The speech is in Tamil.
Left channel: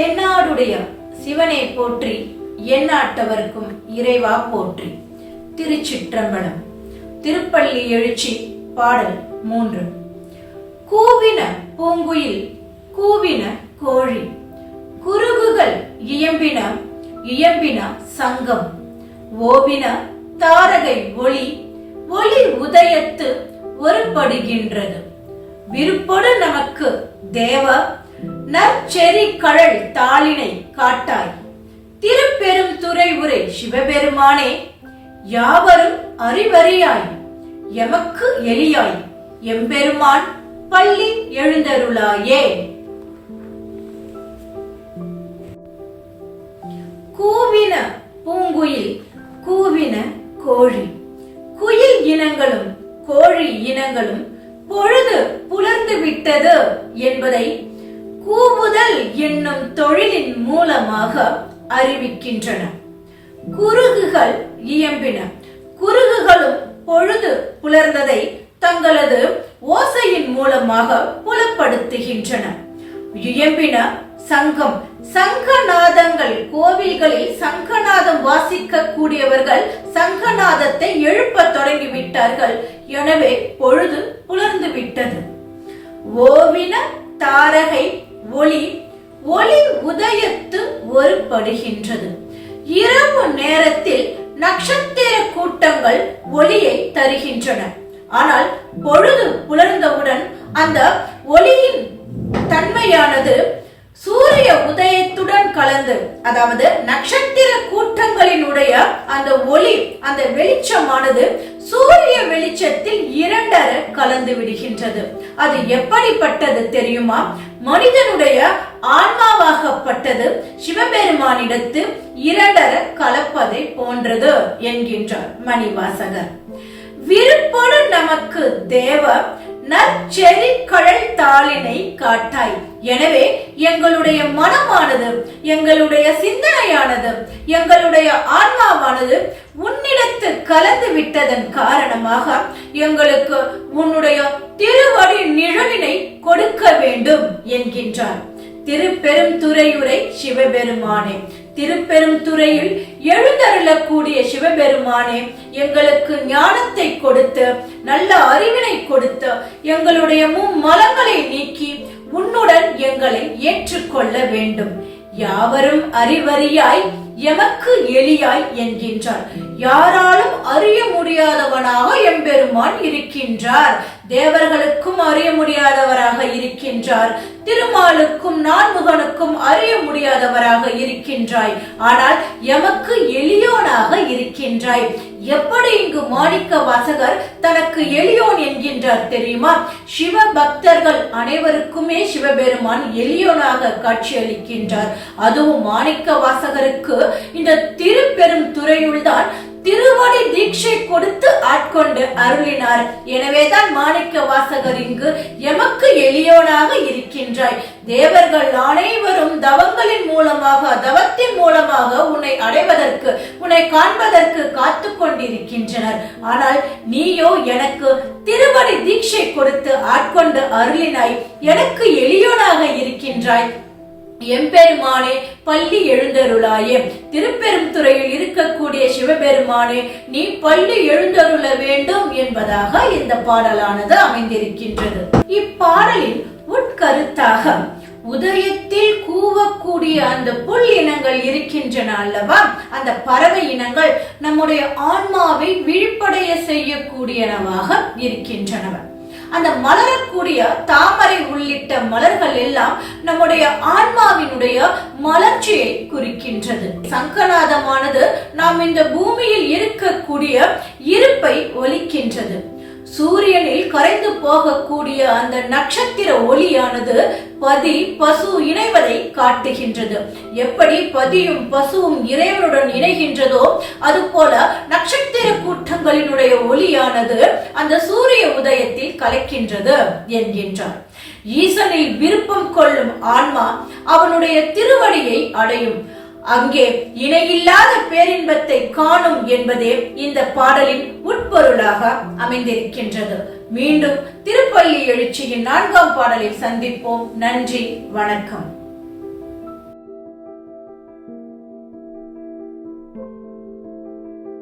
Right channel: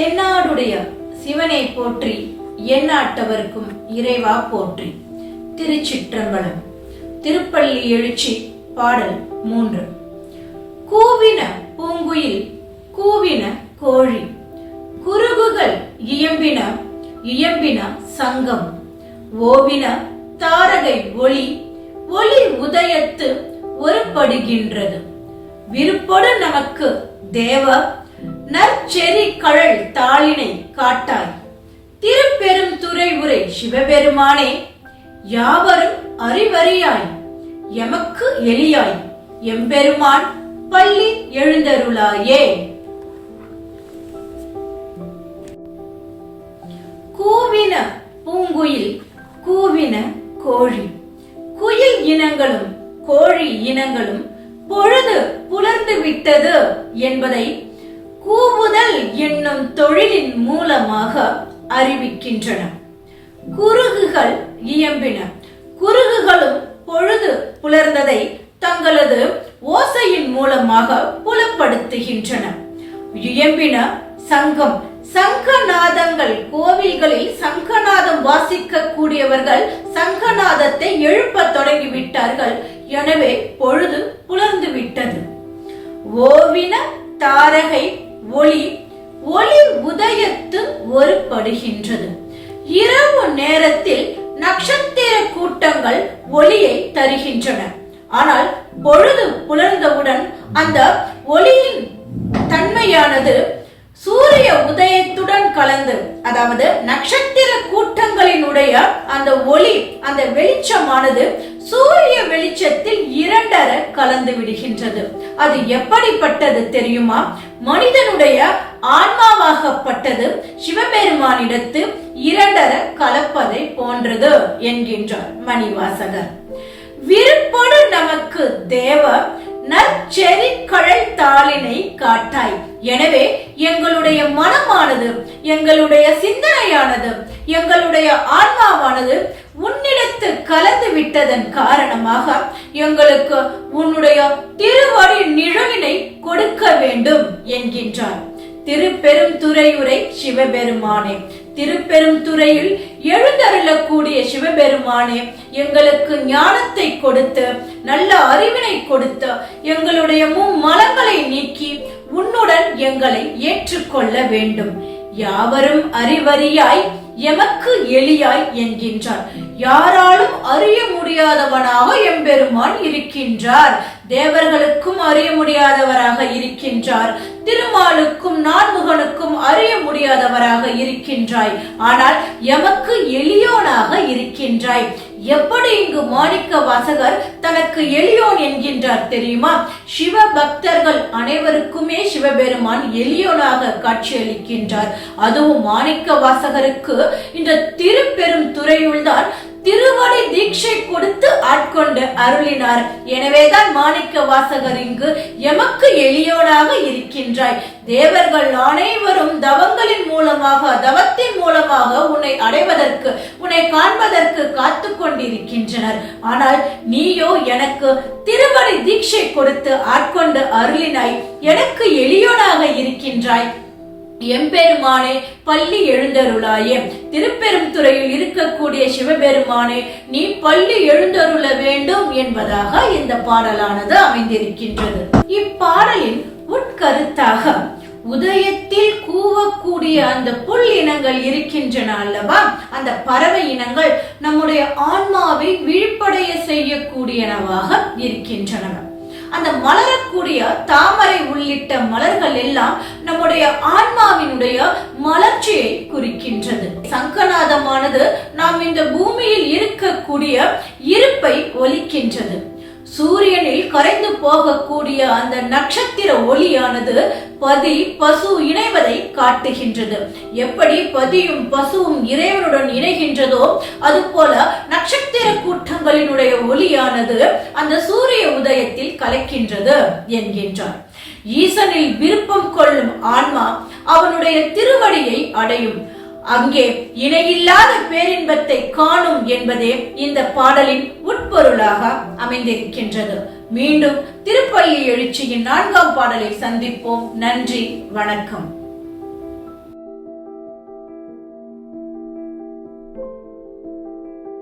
தென்னாடுடைய சிவனை போற்றி எண்ணாட்டவர்க்கும் இறைவா போற்றி. திருச்சிற்றம்பலம். திருப்பள்ளி எழுச்சி பாடல் மூன்று. கூவின பூங்குயில் கூவின கோழி. குருகுகள் இயம்பின இயம்பின சங்கம். ஓவின தாரகை ஒளி ஒளி உதயத்து ஒருபடுகின்றது விருப்பொடு நமக்கு தேவ நற்செறி கழல் தாளினை காட்டாய். திருப்பெரும் துறை உரை சிவபெருமானே யாவரும் அறிவறியாய். எமக்கு எளியாய். எம்பெருமான் பள்ளி எழுந்தருளாயே. கூவின பூங்குயில் கூவின கோழி. குயில் இனங்களும் கோழி இனங்களும் பொழுது புலர்ந்து விட்டது என்பதை கூவுதல் என்னும் தொழிலின் மூலமாக அறிவிக்கின்றன. குருகுகள் இயம்பின. குருகுகளும் பொழுது புலர்ந்ததை தங்களது ஓசையின் மூலமாக புலப்படுத்துகின்றன. இயம்பின சங்கம். சங்கநாதங்கள். கோவில்களில் சங்கநாதம் வாசிக்க கூடியவர்கள் சங்கநாதத்தை எழுப்பத் தொடங்கிவிட்டார்கள். எனவே பொழுது புலர்ந்து விட்டது ஓவின தாரகை ஒளி ஒளி உதயத்து ஒருபடுகின்றது இரவு நேரத்தில் நட்சத்திர கூட்டங்கள் ஒளியை தருகின்றன. ஆனால் பொழுது புலர்ந்தவுடன் அந்த ஒளியின் தன்மையானது சூரிய உதயத்துடன் கலந்து அதாவது நட்சத்திர கூட்டங்களினுடைய அந்த ஒளி அந்த வெளிச்சமானது சூரிய வெளிச்சத்தில் இரண்டர கலந்து விடுகின்றது. அது எப்படிப்பட்டது தெரியுமா? மனிதனுடைய ஆன்மாவாகப்பட்டது சிவபெருமானிடத்து இரண்டர கலப்பதை போன்றது என்கின்றார் மணிவாசகர். விருப்போடு நமக்கு தேவ நற்செறி கழல் காட்டாய். எனவே எங்களுடைய மனமானது எங்களுடைய சிந்தனையானது எங்களுடைய ஆன்மாவானது உன்னிடத்து கலந்து விட்டதன் காரணமாக எங்களுக்கு உன்னுடைய திருவடி நிழலினை கொடுக்க வேண்டும் என்கின்றார். திருப்பெரும் துறையுரை சிவபெருமானே திருப்பெரும் துறையில் எழுந்தருளக்கூடிய சிவபெருமானே எங்களுக்கு ஞானத்தை கொடுத்து நல்ல அறிவினை கொடுத்து எங்களுடைய மும்மலங்களை எங்களை ஏற்றுக்கொள்ள வேண்டும். யாவரும் அறிவறியாய் எமக்கு எளியாய் என்கின்றார். யாராலும் அறிய முடியாதவனாக எம்பெருமான் இருக்கின்றார். தேவர்களுக்கும் அறிய முடியாதவராக இருக்கின்றார். திருமாலுக்கும் நான்முகனுக்கும் அறிய முடியாதவராக இருக்கின்றாய். ஆனால் எமக்கு எளியோனாக இருக்கின்றாய். எப்படி இங்கு மாணிக்க வாசகர் தனக்கு எளியோன் என்கின்றார் தெரியுமா? சிவ பக்தர்கள் அனைவருக்குமே சிவபெருமான் எளியோனாக காட்சியளிக்கின்றார். அதுவும் மாணிக்க வாசகருக்கு இந்த திருப்பெரும் துறையுள்தான் தீட்சை கொடுத்து ஆட்கொண்டு அருளினார். எனவேதான் மாணிக்க வாசகர் இங்கு எமக்கு எளியோனாக இருக்கின்றாய். தேவர்கள் அனைவரும் தவங்களின் மூலமாக தவத்தின் மூலமாக உன்னை அடைவதற்கு உன்னை காண்பதற்கு காத்து கொண்டிருக்கின்றனர். ஆனால் நீயோ எனக்கு திருவடி தீட்சை கொடுத்து ஆட்கொண்டு அருளினாய். எனக்கு எளியோனாக இருக்கின்றாய். எம்பெருமானே பள்ளி எழுந்தருளாயே. திருப்பெரும் துறையில் இருக்கக்கூடிய சிவபெருமானே நீ பள்ளி எழுந்தருள வேண்டும் என்பதாக இந்த பாடலானது அமைந்திருக்கின்றது. இப்பாடலின் உட்கருத்தாக உதயத்தில் கூவக்கூடிய அந்த புல் இனங்கள் இருக்கின்றன அல்லவா? அந்த பறவை இனங்கள் நம்முடைய ஆன்மாவை விழிப்படைய செய்யக்கூடியனவாக இருக்கின்றன அந்த மலரக்கூடிய தாமரை உள்ளிட்ட மலர்கள் எல்லாம் நம்முடைய ஆன்மாவினுடைய மலர்ச்சியை குறிக்கின்றது. சங்கநாதமானது நாம் இந்த பூமியில் இருக்கக்கூடிய இருப்பை ஒலிக்கின்றது. சூரியனில் கரைந்து போகக்கூடிய அந்த நட்சத்திர ஒளியானது பதி பசு இணைவதை காட்டுகின்றது. எப்படி பதியும் பசுவும் இறைவனுடன் இணைகின்றதோ அதுபோல நட்சத்திர கூட்டங்களினுடைய ஒளியானது அந்த சூரிய உதயத்தில் கலக்கின்றது என்கின்றார். ஈசனில் விருப்பம் கொள்ளும் ஆன்மா அவனுடைய திருவடியை அடையும். அங்கே இணையில்லாத பேரின்பத்தை காணும் என்பதே இந்த பாடலின் உட்பொருளாக அமைந்திருக்கின்றது. மீண்டும் திருப்பள்ளி எழுச்சியின் நான்காம் பாடலில் சந்திப்போம். நன்றி. வணக்கம்.